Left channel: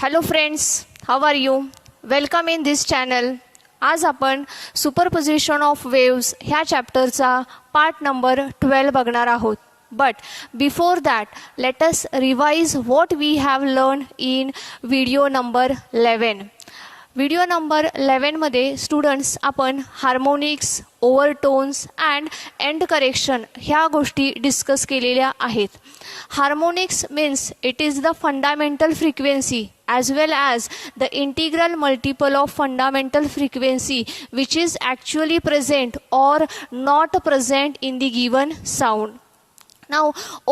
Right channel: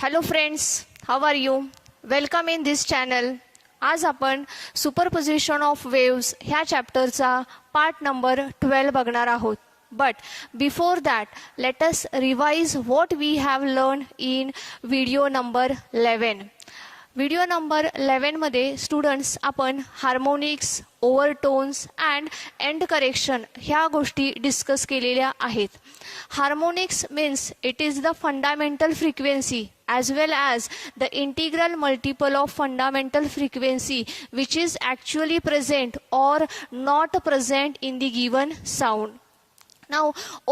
Hello friends, how are you? Welcome in this channel. आज आपण superposition of waves ह्या चॅप्टरचा part number 12 बघणार आहोत. But before that let us revise what we have learn in video number 11. Video number 11 मध्ये students आपण harmonics, overtones and end correction ह्या गोष्टी discuss केलेल्या आहेत. Harmonics means it is the fundamental frequency as well as the integral multiple of fundamental frequency which is actually present or not present in the given sound. Now,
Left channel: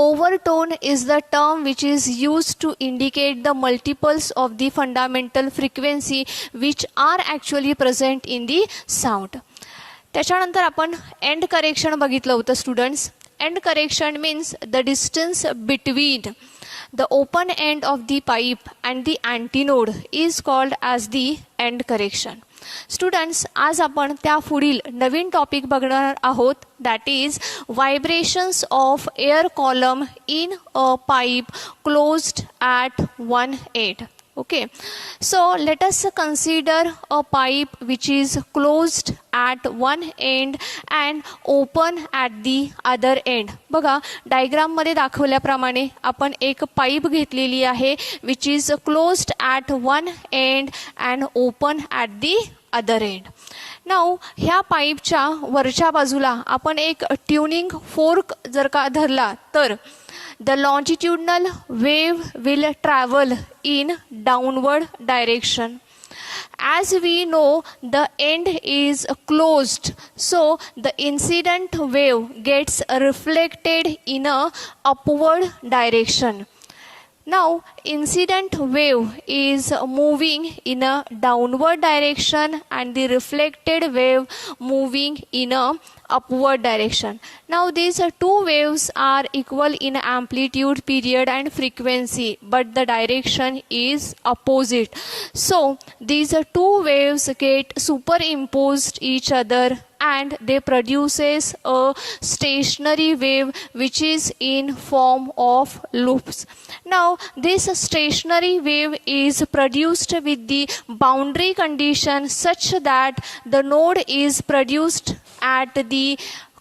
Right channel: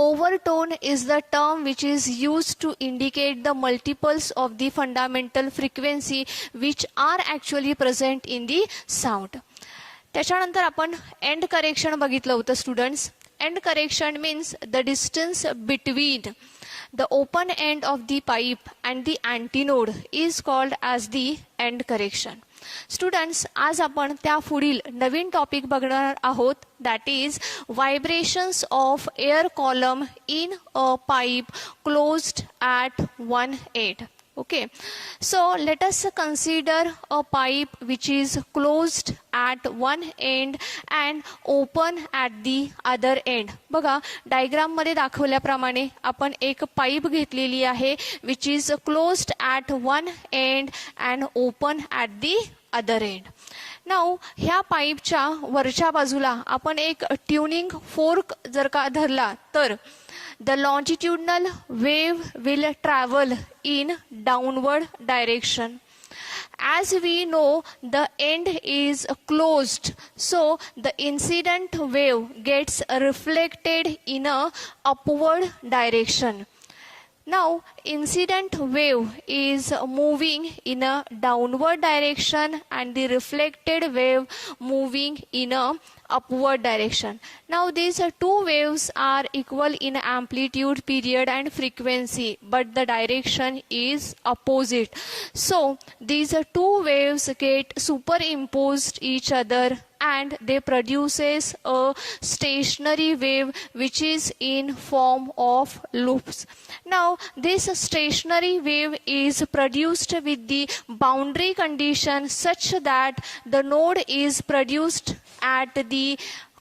overtone is the term which is used to indicate the multiples of the fundamental frequency which are actually present in the sound. त्याच्यानंतर आपण end correction बघितलं होतं students. End correction means the distance between the open end of the pipe and the antinode is called as the end correction. Students, आज आपण त्या पुढील नवीन topic बघणार आहोत, that is vibrations of air column in a pipe closed at one end. Okay, so let us consider a pipe which is closed at one end and open at the other end. बघा, diagram मध्ये दाखवल्याप्रमाणे आपण एक pipe घेतलेली आहे which is closed at one end and open at the other end. Now ह्या पाईपच्या वरच्या बाजूला आपण एक ट्यूनिंग फोर्क जर का धरला तर the longitudinal wave will travel in downward direction. As we know, the end is closed, so the incident wave gets reflected in a upward direction. Now, incident wave is moving in a downward direction and the reflected wave moving in a upward direction. Now, these two waves are equal in amplitude, period and frequency, but the direction is opposite. So, these two waves get superimposed each other and they produces a stationary wave which is in form of loops. Now, this stationary wave is produced with the boundary condition such that the node is produced at the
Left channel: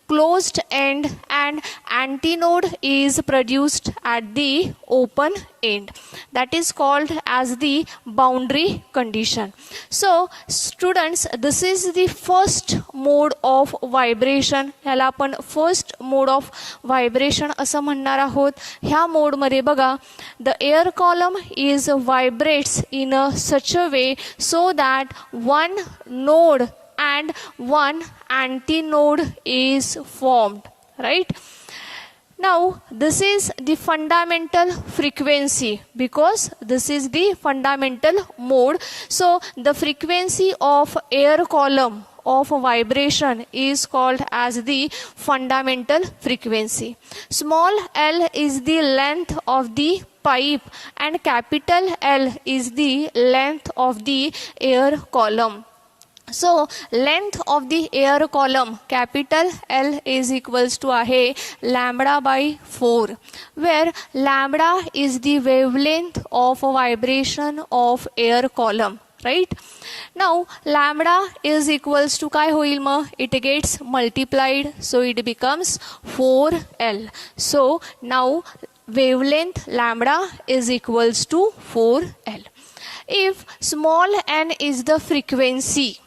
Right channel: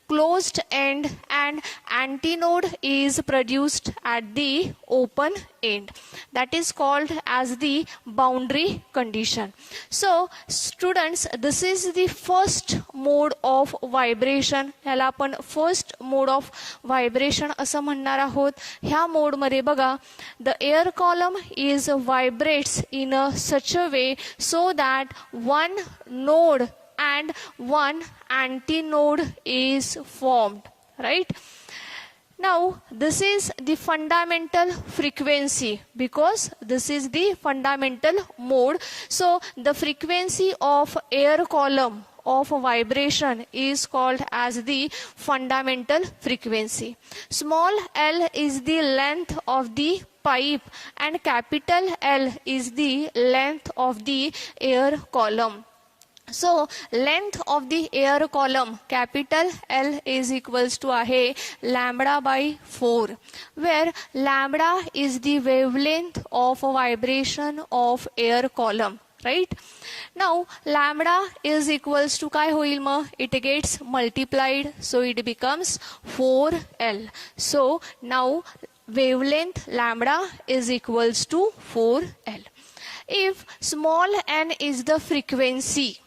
closed end and antinode is produced at the open end. That is called as the boundary condition. So students, this is the first mode of vibration. ह्याला आपण first mode of vibration असं म्हणणार आहोत. ह्या मोड मध्ये बघा, the air column is vibrates in a such a way so that one node and one antinode is formed, right? Now, this is the fundamental frequency because this is the fundamental mode. So, the frequency of air column of vibration is called as the fundamental frequency. Small l is the length of the pipe and capital L is the length of the air column. So, length of the air column capital L is equals to आहे lambda by 4, where lambda is the wavelength of vibration of air column, right? Now, lambda is equals to काय होईल मग? It gets multiplied, so it becomes 4L. So, now wavelength lambda is equals to 4L. If small n is the frequency,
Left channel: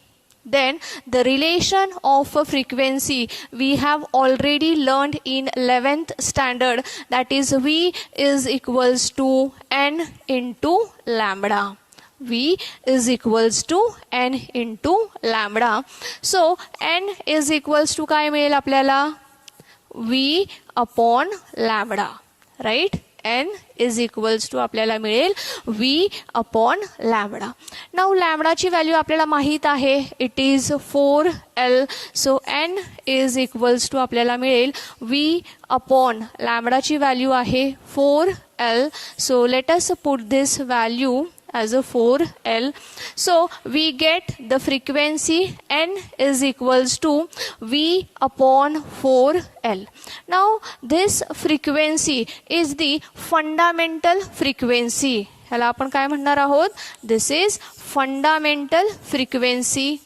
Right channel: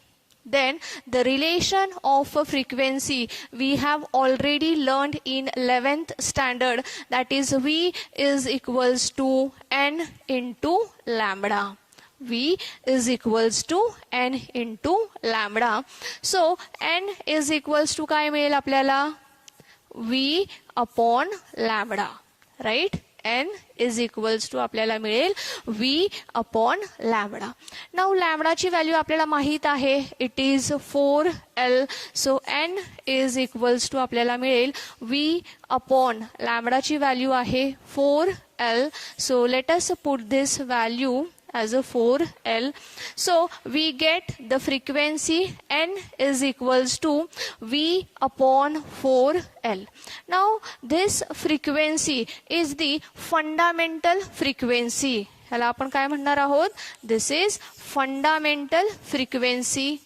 then the relation of a frequency we have already learned in 11th standard, that is V is equals to n into lambda. V is equals to n into lambda. So n is equals to काय मिळेल आपल्याला? V upon lambda, right? n is equals to आपल्याला मिळेल v upon lambda. Now, लॅम्बडाची value आपल्याला माहित आहे, it is 4L. So n is equals to आपल्याला मिळेल v upon लॅम्बडाची व्हॅल्यू आहे 4L. So let us put this value as a 4L. So we get the frequency n is equals to v upon 4L. Now this frequency is the fundamental frequency. ह्याला आपण काय म्हणणार आहोत? This is fundamental frequency.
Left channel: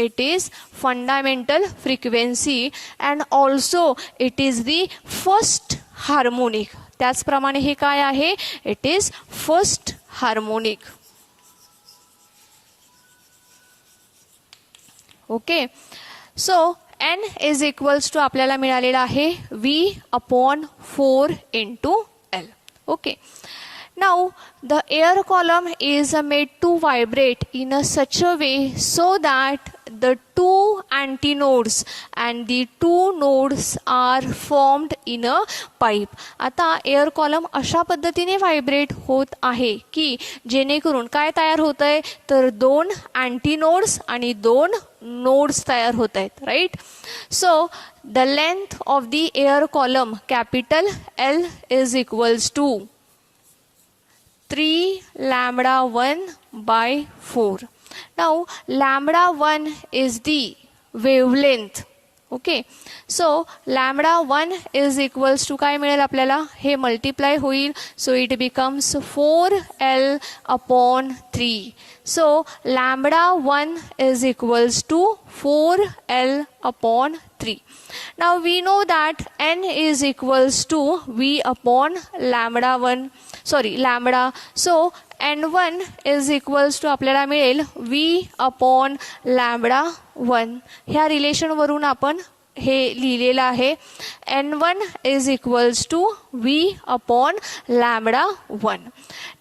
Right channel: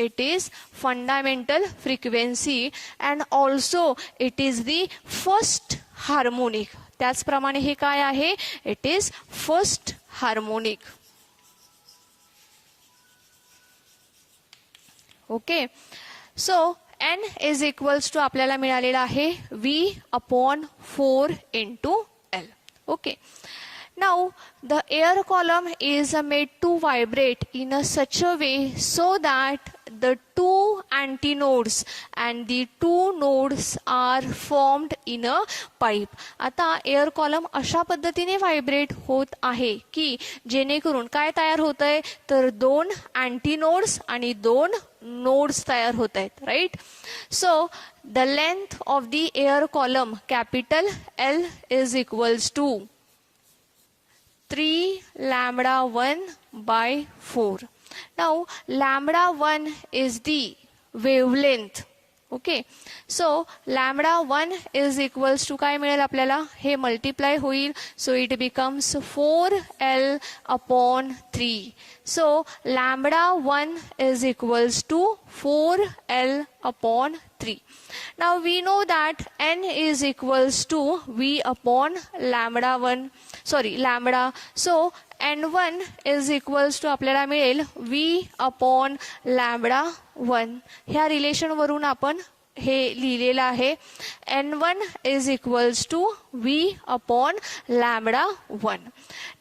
It is fundamental frequency and also it is the first harmonic. त्याचप्रमाणे हे काय आहे? It is first harmonic. Okay, so n is equals to आपल्याला मिळालेला आहे V/4 into L. Okay, now the air column is made to vibrate in a such a way so that the two antinodes and the two nodes are formed in a pipe. आता air column अशा पद्धतीने vibrate होत आहे की जेणेकरून काय तयार होत आहे? तर दोन अँटीनोड्स आणि दोन नोड्स तयार होत आहेत. Right. So the length of the air column capital L is equals to 3 λ1/4. Now λ1 is the wavelength. Okay, so λ1 is equals to काय मिळेल आपल्याला? हे मल्टिप्लाय होईल, so it becomes 4L/3. So λ1 is equals to 4L/3. Now we know that n is equals to V/λ1. Sorry, lambda. So n1 is equals to आपल्याला मिळेल V/λ1. ह्या relation वरून आपण हे लिहिलेलं आहे. n1 is equals to V/λ1.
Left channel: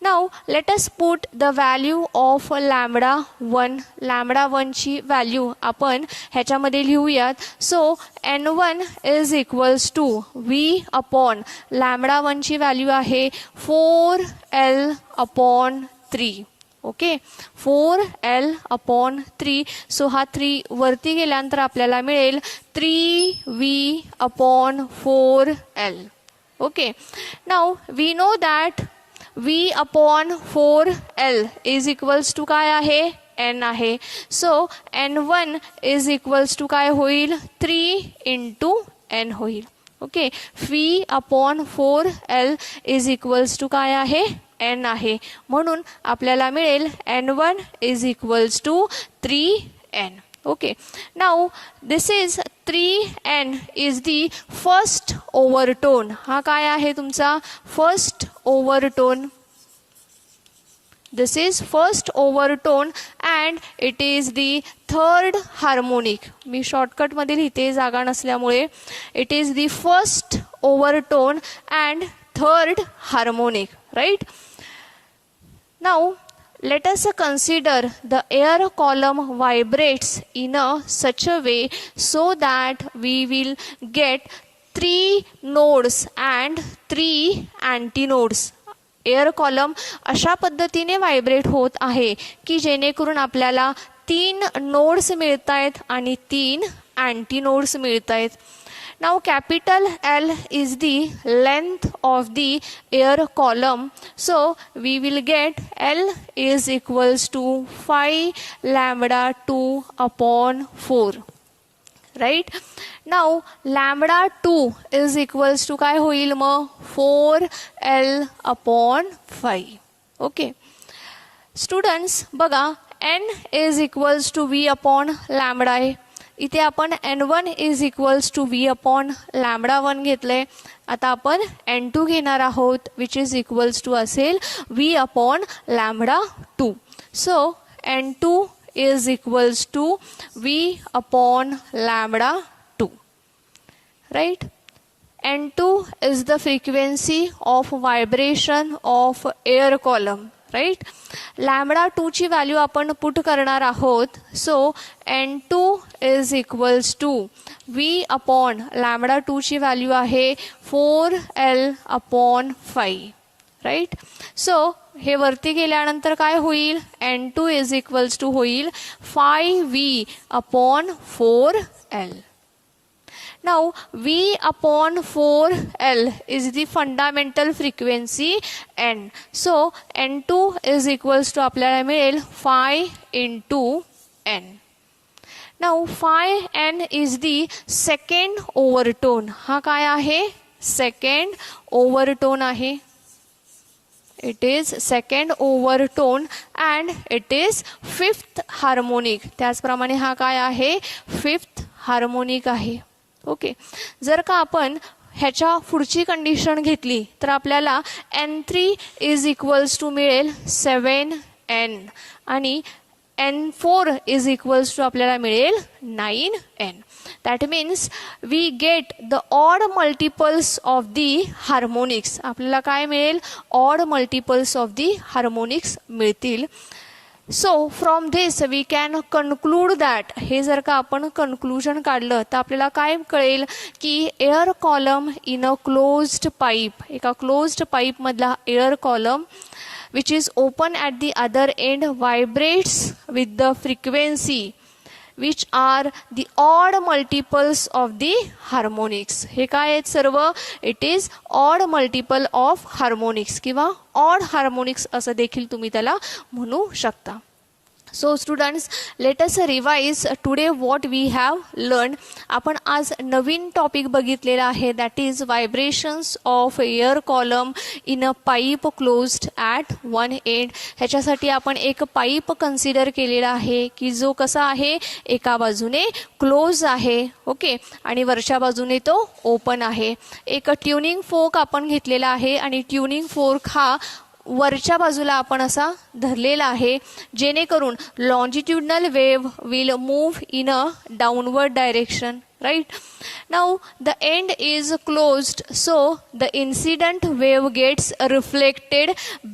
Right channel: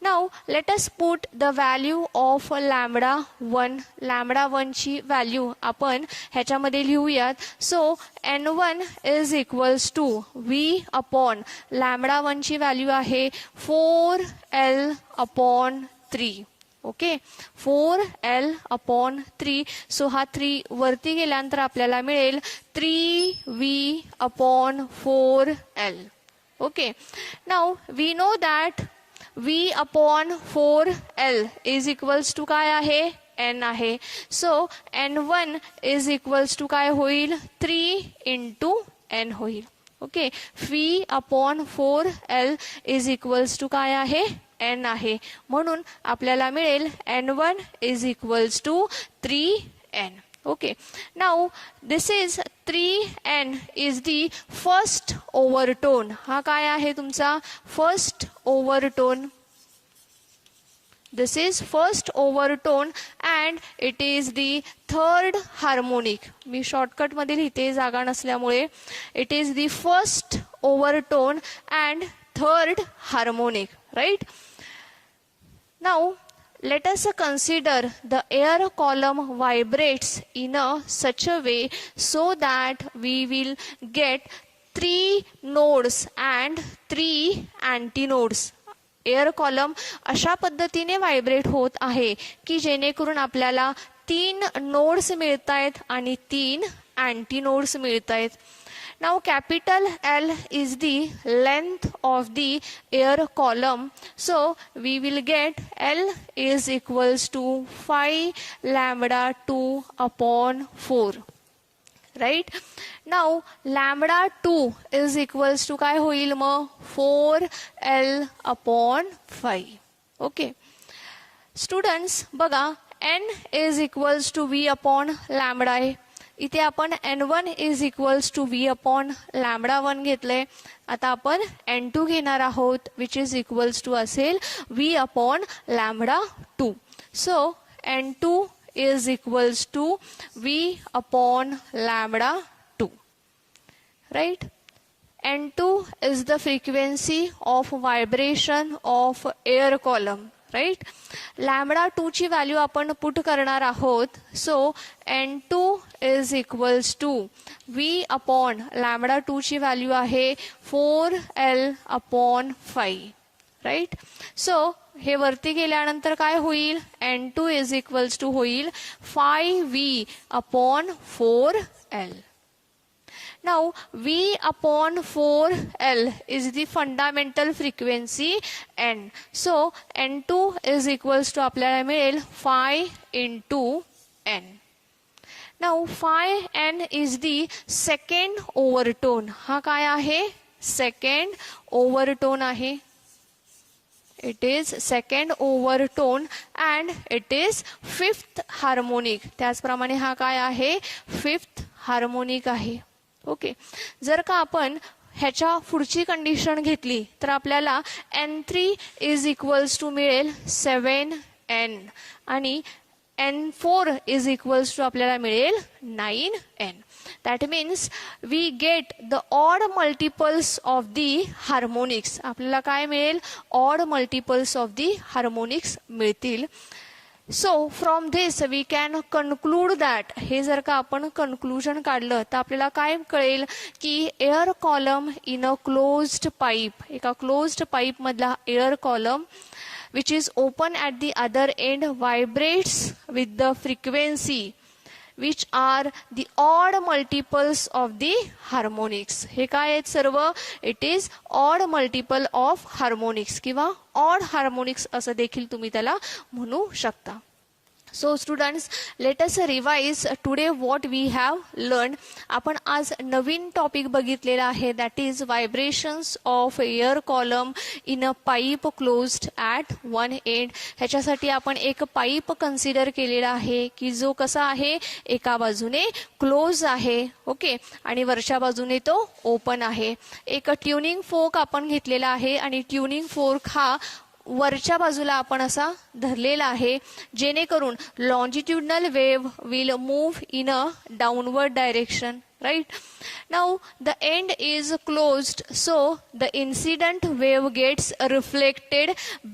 Now let us put the value of λ1. λ1 ची value आपण ह्याच्यामध्ये लिहूयात. So n1 is equals to V/λ1 ची व्हॅल्यू आहे 4L/3. Okay, 4L/3. सो हा 3 वरती गेल्यानंतर आपल्याला मिळेल 3V/4L. Okay, now we know that V/4L is equals to काय आहे? n आहे. So n1 is equals to काय होईल? 3 into n होईल. Okay, V/4L is equals to काय आहे? n आहे. म्हणून आपल्याला मिळेल n1 is equals to 3n. Okay, now this is 3n is the first overtone. हा काय आहे तुमचा? first overtone. This is first overtone and it is the third harmonic. Me shortcut मध्ये लिहिते जागा नसल्यामुळे. It is the first overtone and third harmonic, right? Now let us consider the air column vibrates in a such a way so that we will get 3 nodes and 3 antinodes. Air column अशा पद्धतीने vibrate होत आहे की जेणेकरून आपल्याला 3 nodes मिळत आहेत आणि 3 अँटीनोड्स मिळत आहेत. Now capital L is the length of the air column. So we will get L is equals to 5λ2/4. Right? Now λ2 is equals to काय होईल मग? 4L/5. Okay. Students बघा, n is equals to V/λ आहे. इथे आपण n1 is equals to V/λ1 घेतलंय. आता आपण n2 घेणार आहोत विच इज इक्वल्स टू असेल V/λ2. So n2 is equals to V/λ2. Right. n2 is the frequency of vibration of air column. Right. λ2 ची व्हॅल्यू आपण पुट करणार आहोत. So n2 is equals to V/λ2 ची value आहे 4L/5. Right. So हे वरती गेल्यानंतर काय होईल? n2 इज इक्वल्स टू होईल 5V/4L. Now V/4L is the fundamental frequency n. So n2 is equals to आपल्याला मिळेल 5 into n. Now 5n is the second overtone. हा काय आहे? second overtone आहे. it is second overtone and it is fifth harmonic. त्याचप्रमाणे हा काय आहे, फिफ्थ हार्मोनिक आहे. ओके, जर का आपण ह्याच्या पुढची कंडिशन घेतली तर आपल्याला N3 इज इक्वल्स टू मिळेल 7N आणि N4 इज इक्वल्स टू आपल्याला मिळेल 9N. That means we get the odd multiples of the harmonics. आपल्याला काय मिळेल, odd multiples of the harmonics मिळतील. So from this we can conclude that, हे जर का आपण कन्क्लुजन काढलं तर आपल्याला काय कळेल की air column in a closed pipe, एका क्लोज्ड पाईप मधला air column which is open at the other end vibrates with the frequency which are the odd multiples of the harmonics. हे काय आहेत सर्व, it is odd multiple of harmonics किंवा odd harmonics असं देखील तुम्ही त्याला म्हणू शकता. So students, let us revise today what we have learned. आपण आज नवीन टॉपिक बघितलेला आहे, that is vibrations of air column in a pipe closed at one end. ह्याच्यासाठी आपण एक पाईप कन्सिडर केलेला आहे की जो कसा आहे, एका बाजूने क्लोज आहे, ओके, आणि वरच्या बाजूने तो ओपन आहे. एक ट्युनिंग फोर्क आपण घेतलेला आहे आणि ट्युनिंग फोर्क हा वरच्या बाजूला आपण असा धरलेला आहे, जेणेकरून longitudinal wave will move in a downward direction. Right? Now the end is closed, so the incident wave gets reflected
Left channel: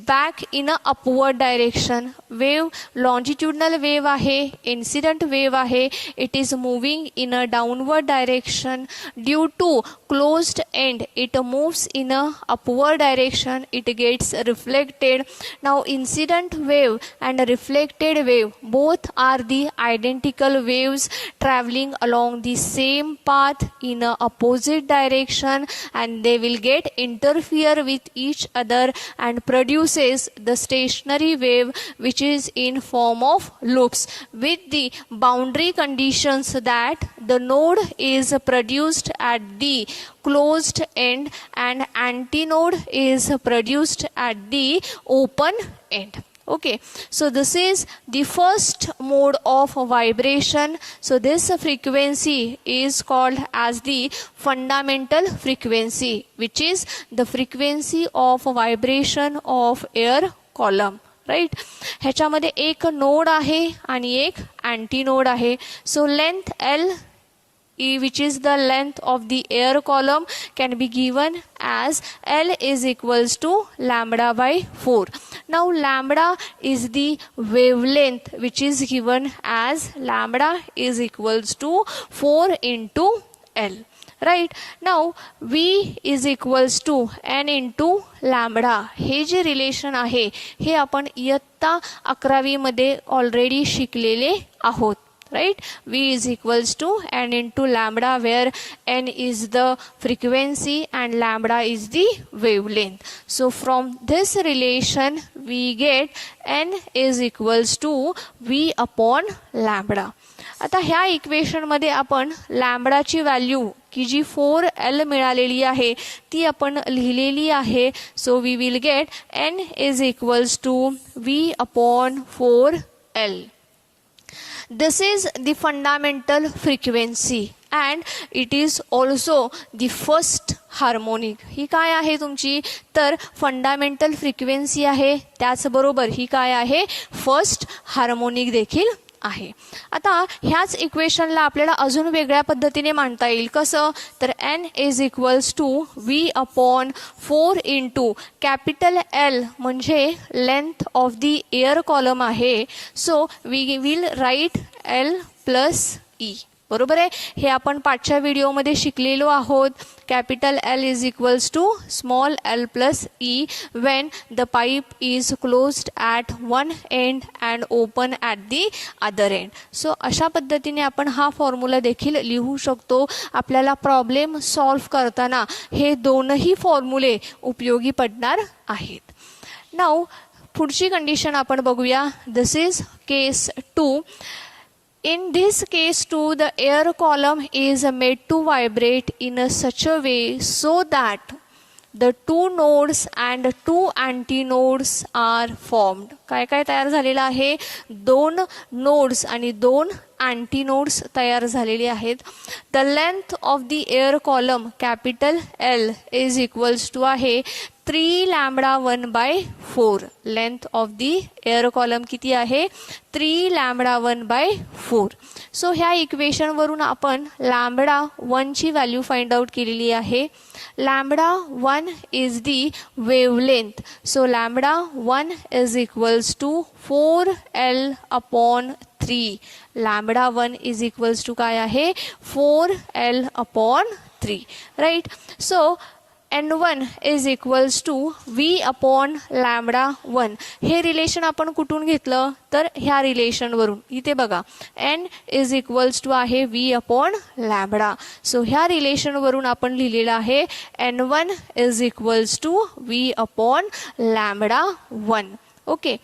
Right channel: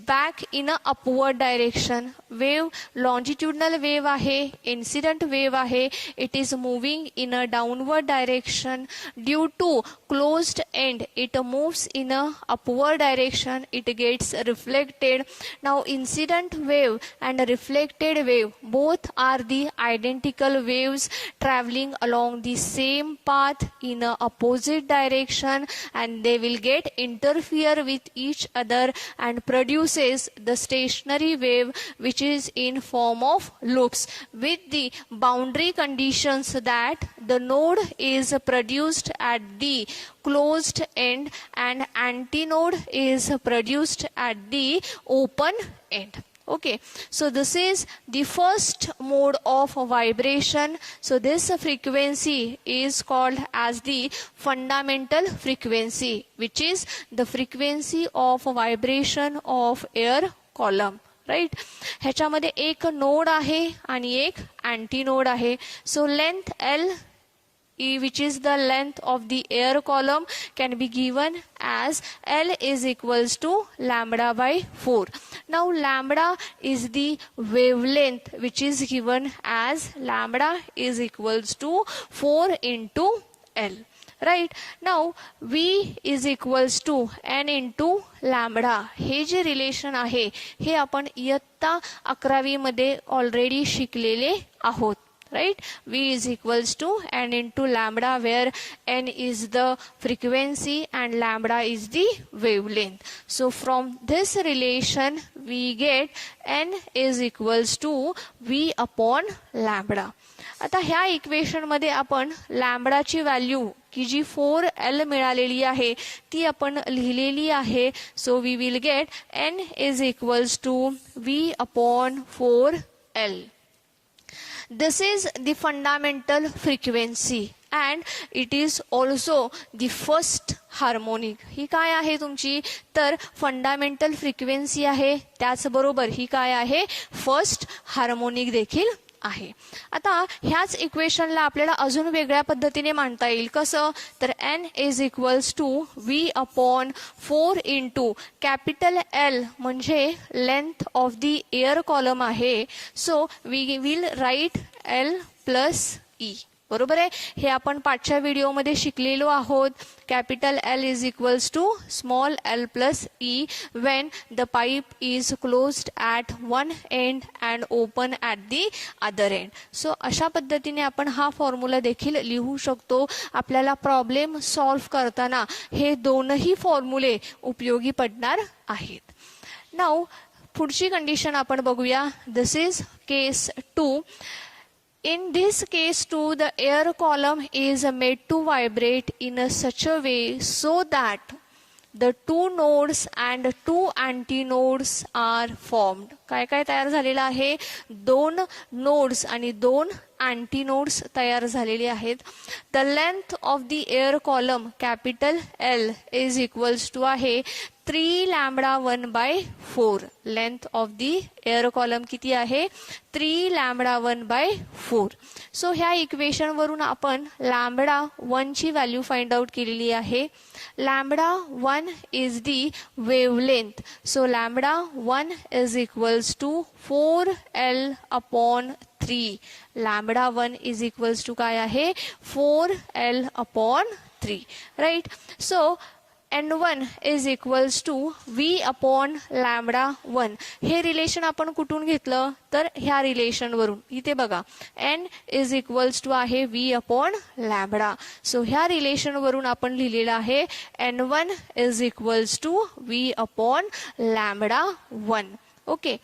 back in a upward direction. Wave longitudinal wave आहे, incident wave आहे, it is moving in a downward direction. Due to closed end, it moves in a upward direction, it gets reflected. Now incident wave and reflected wave both are the identical waves traveling along the same path in a opposite direction, and they will get interfere with each other and produces the stationary wave which is in form of loops, with the boundary conditions that the node is produced at the closed end and antinode is produced at the open end. Okay, so this is the first mode of vibration. So this frequency is called as the fundamental frequency, which is the frequency of vibration of air column. Right, ह्याच्यामध्ये एक node आहे आणि एक anti node आहे. So length L, which is the length of the air column, can be given as L is equals to lambda by 4. Now lambda is the wavelength which is given as lambda is equals to 4 into L. Right? Now V is equals to N into lambda. हे जे relation आहे हे आपण इयत्ता 11वी मध्ये already शिकलेले आहोत. Right? V is equals to N into lambda, where N is the frequency and lambda is the wavelength. So from this relation we get N is equals to V upon lambda. आता ह्या equation मध्ये आपण लॅम्बडाची value की जी 4L मिळालेली आहे ती आपण लिहिलेली आहे. So we will get N is equals to V upon 4L. This is the fundamental frequency and it is also the first harmonic. ही काय आहे तुमची, तर फंडामेंटल फ्रिक्वेन्सी आहे, त्याचबरोबर ही काय आहे, फर्स्ट हार्मोनिक देखील आहे. आता ह्याच इक्वेशनला आपल्याला अजून वेगळ्या पद्धतीने मांडता येईल. कसं, तर N is equals to V upon 4 into capital L म्हणजे length of the air column आहे. So we will write L plus E. बरोबर आहे, हे आपण पाठच्या व्हिडिओमध्ये शिकलेलो आहोत. Capital L is equals to small L plus E when the pipe is closed at one end and open at the other end. So अशा पद्धतीने आपण हा फॉर्म्युला देखील लिहू शकतो. आपल्याला प्रॉब्लेम सॉल्व्ह करताना हे दोनही फॉर्म्युले उपयोगी पडणार आहेत. नाउ पुढची कंडिशन आपण बघूया. दिस is case 2. In this case too, the air column is made to vibrate in such a way so that the two nodes and two antinodes are formed. काय काय तयार झालेलं आहे? दोन नोड्स आणि दोन अँटीनोड्स तयार झालेले आहेत. The length of the air column capital L is equals to आहे 3 lambda 1/4. Length of the air column किती आहे? 3 लॅम्बडा 1/4. सो ह्या इक्वेशन वरून आपण लॅम्बडा 1 ची व्हॅल्यू फाइंड आउट केलेली आहे. Lambda 1 is the wavelength. So lambda 1 is equals to 4L/3. Lambda 1 is equals to काय आहे? 4L/3. Right. So N1 is equals to V upon lambda 1. हे relation आपण कुठून घेतलं? तर ह्या रिलेशनवरून. इथे बघा N इज इक्वल्स टू आहे V अपॉन लॅम्बडा. सो ह्या रिलेशनवरून आपण लिहिलेलं आहे N1 is equals to V upon lambda 1. Okay.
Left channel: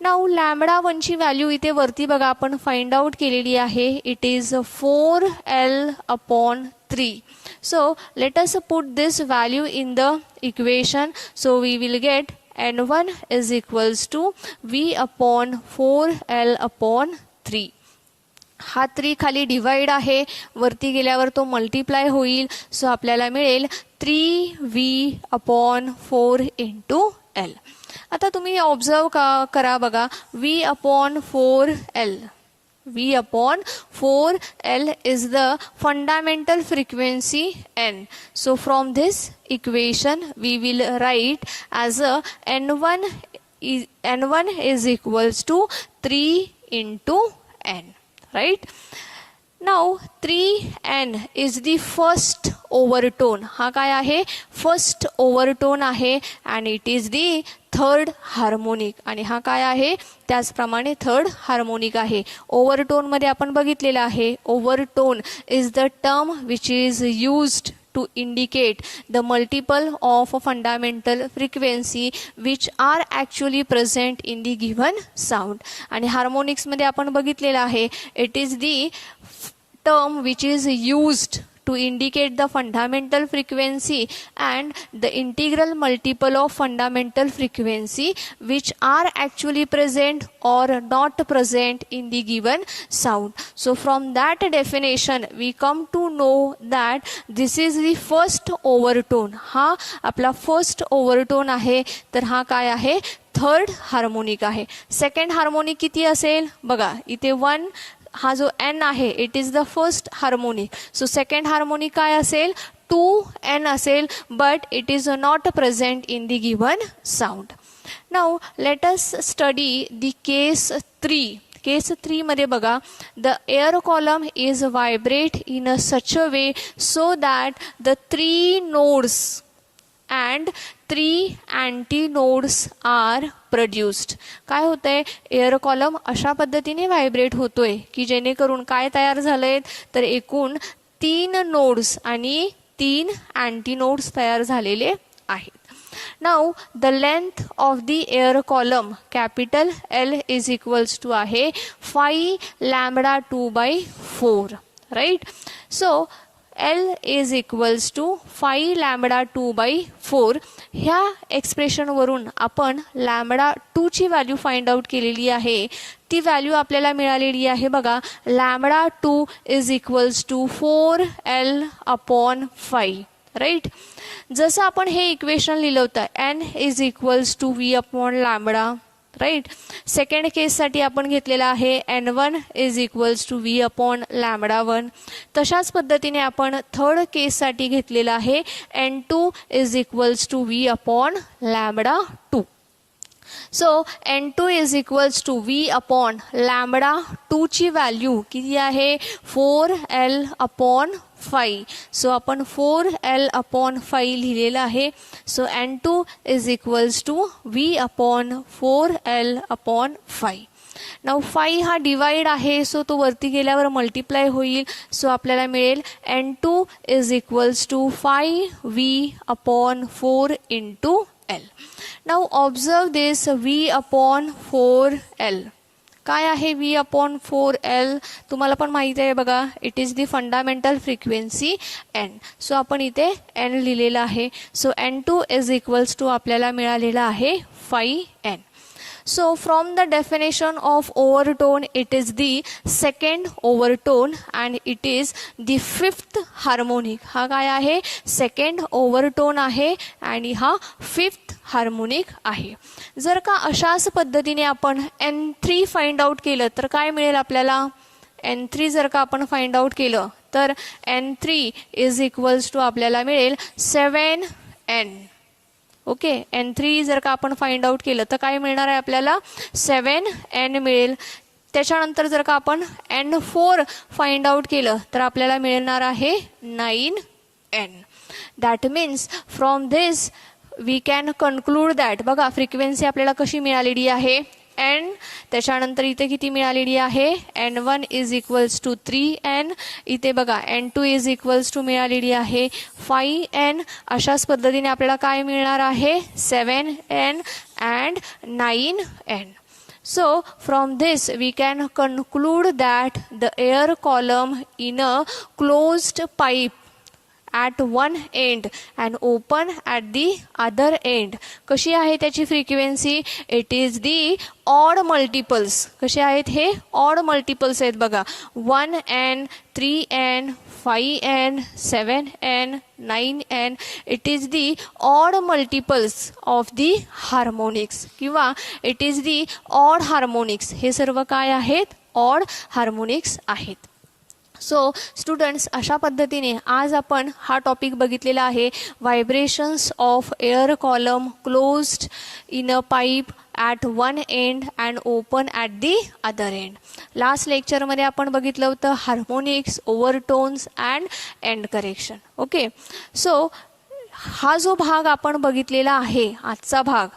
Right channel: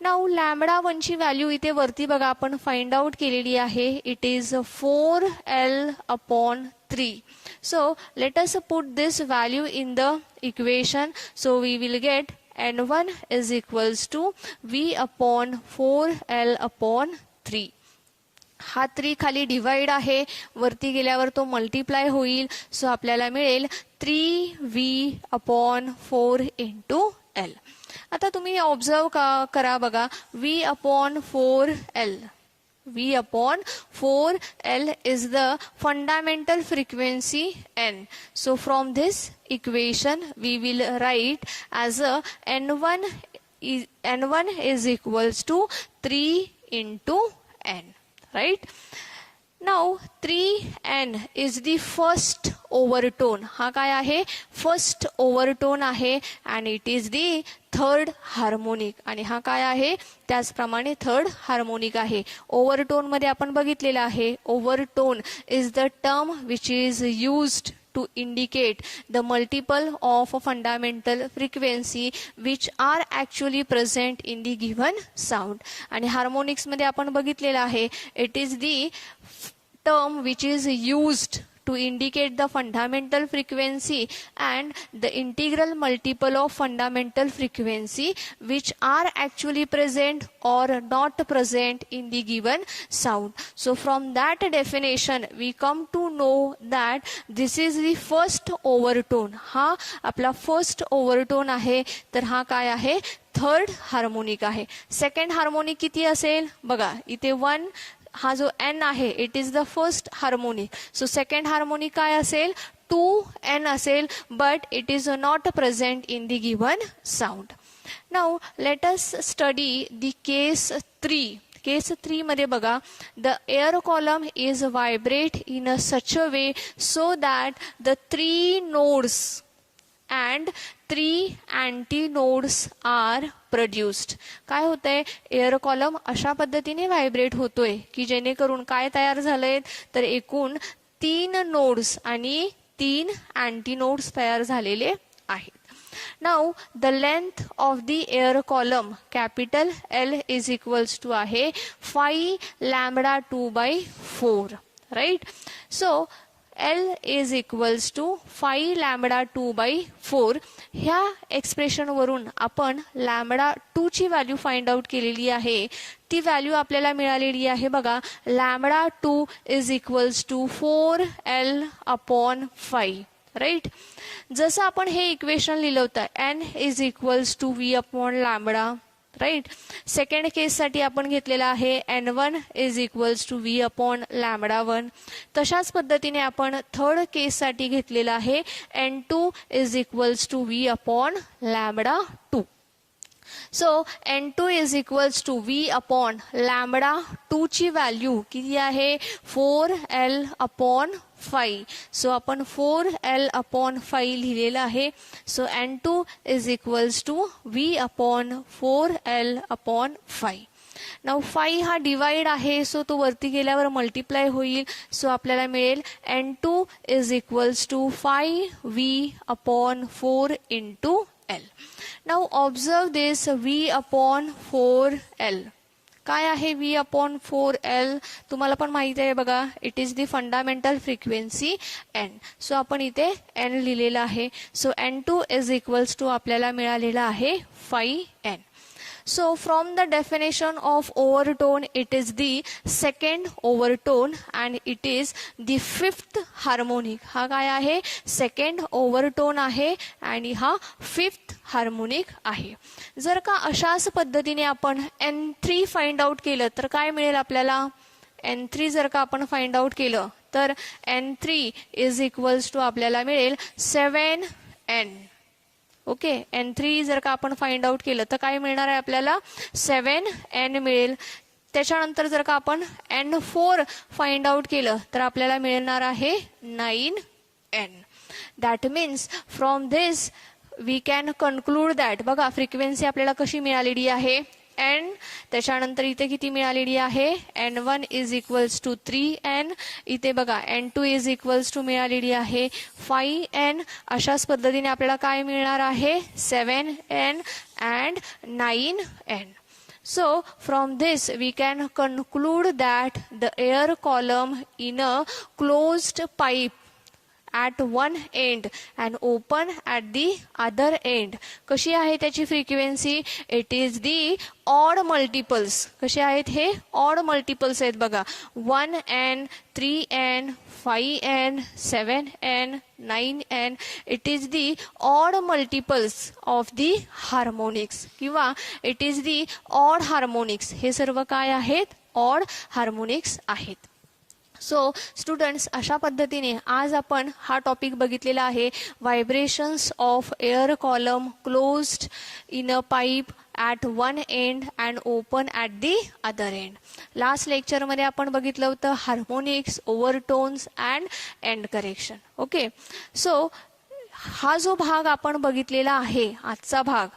Now lambda 1 ची व्हॅल्यू इथे वरती बघा आपण फाइंड आउट केलेली आहे. It is 4L/3. So let us put this value in the equation. So we will get N1 is equals to V upon 4L/3. हा 3 खाली divide आहे, वरती गेल्यावर तो मल्टिप्लाय होईल. सो आपल्याला मिळेल 3V/4 इंटू L. आता तुम्ही ऑब्झर्व करा बघा. V/4L. V/4L is the fundamental frequency N. So from this equation we will write as a N1 is equals to 3 into N. Right? Now 3N is the first overtone. हा काय आहे? First ओव्हरटोन आहे and it is the third harmonic. आणि हा काय आहे? त्याचप्रमाणे third harmonic आहे. ओव्हरटोन मध्ये आपण बघितलेलं आहे. Overtone is the term which is used to indicate the multiple of a fundamental frequency which are actually present in the given sound. आणि हार्मोनिक्स मध्ये आपण बघितलेलं आहे. It is the term which is used to indicate the fundamental frequency and the integral multiple of fundamental frequency which are actually present or not present in the given sound. So from that definition we come to know that this is the first overtone. हा आपला first ओव्हरटोन आहे. तर हा काय आहे? Third harmonic आहे. Second harmonic किती असेल? बघा इथे 1 हा जो N आहे it is the first harmonic. So second harmonic काय असेल? 2N असेल, but it is not present in the given sound. Now let us study the case 3. Case 3 मध्ये बघा. The air column is vibrate in a such a way so that the 3 nodes and 3 antinodes are produced. काय होतंय? Air column अशा पद्धतीने vibrate होतोय की जेणेकरून काय तयार झालंय? तर एकूण 3 नोड्स आणि 3 अँटीनोड्स तयार झालेले आहेत. Now the length of the air column capital L is equals to आहे 5 lambda 2/4. Right? So L is equals to 5 lambda 2/4. ह्या एक्सप्रेशन वरून आपण लॅम्बडा 2 ची व्हॅल्यू फाइंड आउट केलेली आहे. ती व्हॅल्यू आपल्याला मिळालेली आहे बघा. Lambda 2 is equals to 4L/5. Right. जसं आपण हे इक्वेशन लिहिलं होतं N is equals to V upon lambda. Right. Second case साठी आपण घेतलेला आहे N1 is equals to V upon lambda 1. तशाच पद्धतीने आपण थर्ड केस साठी घेतलेला आहे N2 is equals to V upon lambda 2. So N2 is equals to V upon lambda 2 ची व्हॅल्यू किती आहे? 4L/5. सो आपण 4L/5 लिहिलेलं आहे. So N2 is equals to V upon 4L/5. Now 5 हा डिवाइड आहे, सो तो वरती गेल्यावर मल्टिप्लाय होईल. सो आपल्याला मिळेल N2 is equals to 5V upon 4 into L. Now observe this V upon 4L. काय आहे V/4L, तुम्हाला पण माहिती आहे बघा, it is the fundamental frequency N. So आपण इथे N लिहिलेलं आहे. So N2 is equals to आपल्याला मिळालेलं आहे 5N. So from the definition of overtone, it is the second overtone and it is the fifth harmonic. हा काय आहे, सेकंड ओव्हरटोन आहे आणि हा फिफ्थ हार्मोनिक आहे. जर का अशाच पद्धतीने आपण N3 फाइंड आउट केलं तर काय मिळेल आपल्याला, N3 जर का आपण फाइंड आउट केलं तर N3 इज इक्वल्स टू आपल्याला मिळेल 7N. ओके, N3 जर का आपण फाइंड आउट केलं तर काय मिळणार आहे आपल्याला, 7N मिळेल. त्याच्यानंतर जर का आपण N4 फाइंड आउट केलं तर आपल्याला मिळणार आहे 9N. That means from this we can conclude that, बघा फ्रिक्वेन्सी आपल्याला कशी मिळालेली आहे N, त्याच्यानंतर इथे किती मिळालेली आहे, N1 is equals to 3N, इथे बघा N2 इज इक्वल्स टू मिळालेली आहे 5N. अशाच पद्धतीने आपल्याला काय मिळणार आहे, 7N and 9N. So from this we can conclude that the air column in a closed pipe at one end and open at the other end, कशी आहे त्याची frequency, it is the odd multiples. कसे आहेत हे, odd multiples आहेत बघा, 1N, 3N, 5N, 7N, 9N. It is the odd multiples of the harmonics किंवा it is the odd harmonics. हे सर्व काय आहेत, ऑड हार्मोनिक्स आहेत. सो स्टुडंट्स, अशा पद्धतीने आज आपण हा टॉपिक बघितलेला आहे, vibrations of air column closed in a pipe at one end and open at the other end. Last लेक्चरमध्ये आपण बघितलं होतं harmonics, overtones and end correction. Okay, so हा जो भाग आपण बघितलेला आहे, आजचा भाग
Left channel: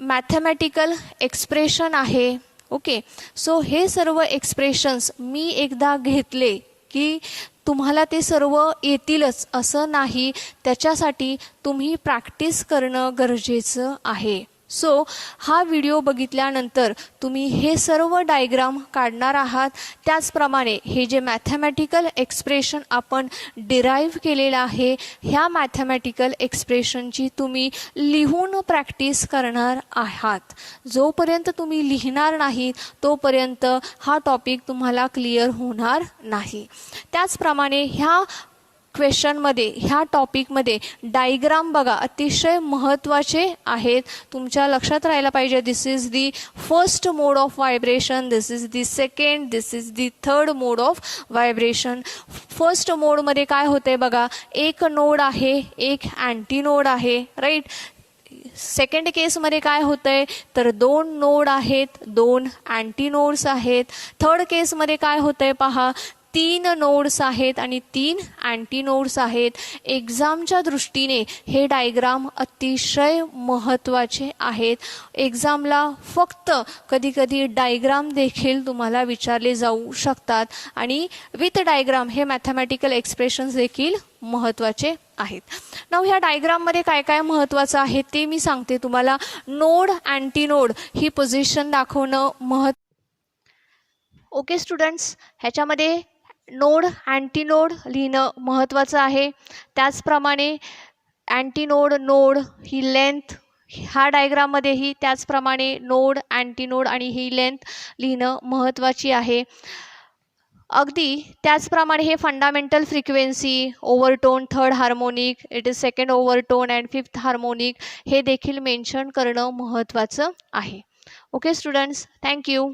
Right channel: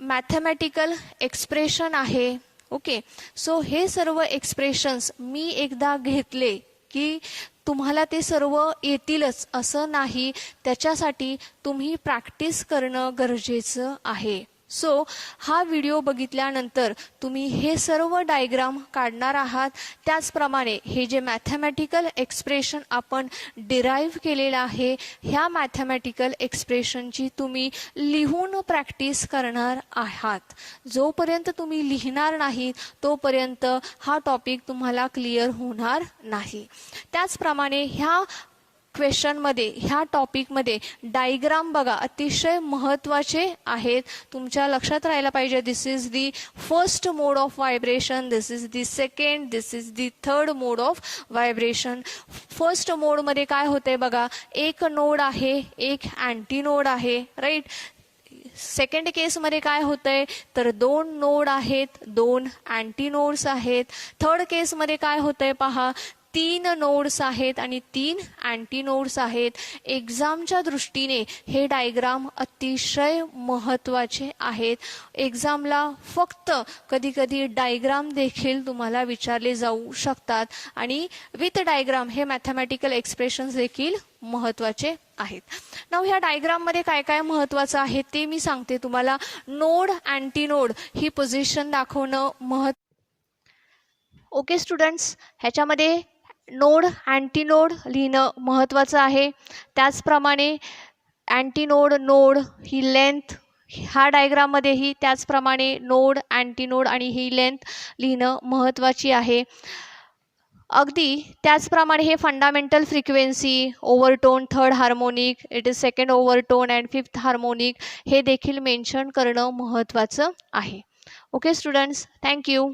मॅथमॅटिकल एक्सप्रेशन आहे. ओके, सो हे सर्व एक्सप्रेशन्स मी एकदा घेतले की तुम्हाला ते सर्व येतीलच असं नाही, त्याच्यासाठी तुम्ही प्रॅक्टिस करणं गरजेचं आहे. सो हा व्हिडिओ बघितल्यानंतर तुम्ही हे सर्व डायग्राम काढणार आहात. त्याचप्रमाणे हे जे मॅथमॅटिकल एक्सप्रेशन आपण डिराईव्ह केलेलं आहे, ह्या मॅथमॅटिकल एक्सप्रेशनची तुम्ही लिहून प्रॅक्टिस करणार आहात. जोपर्यंत तुम्ही लिहिणार नाही तोपर्यंत हा टॉपिक तुम्हाला क्लिअर होणार नाही. त्याचप्रमाणे ह्या क्वेश्चनमध्ये, ह्या टॉपिकमध्ये डायग्राम बघा अतिशय महत्त्वाचे आहेत, तुमच्या लक्षात राहायला पाहिजे. This is the first mode of vibration, this is the second, this is the third mode of vibration. First मोडमध्ये काय होतंय बघा, एक नोड आहे, एक अँटी नोड आहे, राईट. सेकंड केसमध्ये काय होतंय तर दोन नोड आहेत, दोन अँटी नोड्स आहेत. थर्ड केसमध्ये काय होतंय पहा, 3 नोड्स आहेत आणि 3 अँटी नोड्स आहेत. एक्झामच्या दृष्टीने हे डायग्राम अतिशय महत्त्वाचे आहेत. एक्झामला फक्त कधी कधी डायग्राम देखील तुम्हाला विचारले जाऊ शकतात आणि विथ डायग्राम हे मॅथमॅटिकल एक्सप्रेशन्स देखील महत्त्वाचे आहेत. नाव ह्या डायग्राममध्ये काय काय महत्त्वाचं आहे ते मी सांगते तुम्हाला. नोड, अँटी नोड ही पोझिशन दाखवणं ओके स्टुडंट्स, ह्याच्यामध्ये नोड, अँटी नोड लिहिणं महत्त्वाचं आहे. त्याचप्रमाणे अँटी नोड, नोड ही लेंथ ह्या डायग्राममध्येही त्याचप्रमाणे नोड, अँटी नोड आणि ही लेंथ लिहिणं महत्त्वाची आहे. अगदी त्याचप्रमाणे हे fundamental frequency, overtone, third harmonic, it is second overtone and fifth harmonic हे देखील मेन्शन करणं महत्त्वाचं आहे. Okay students, thank you.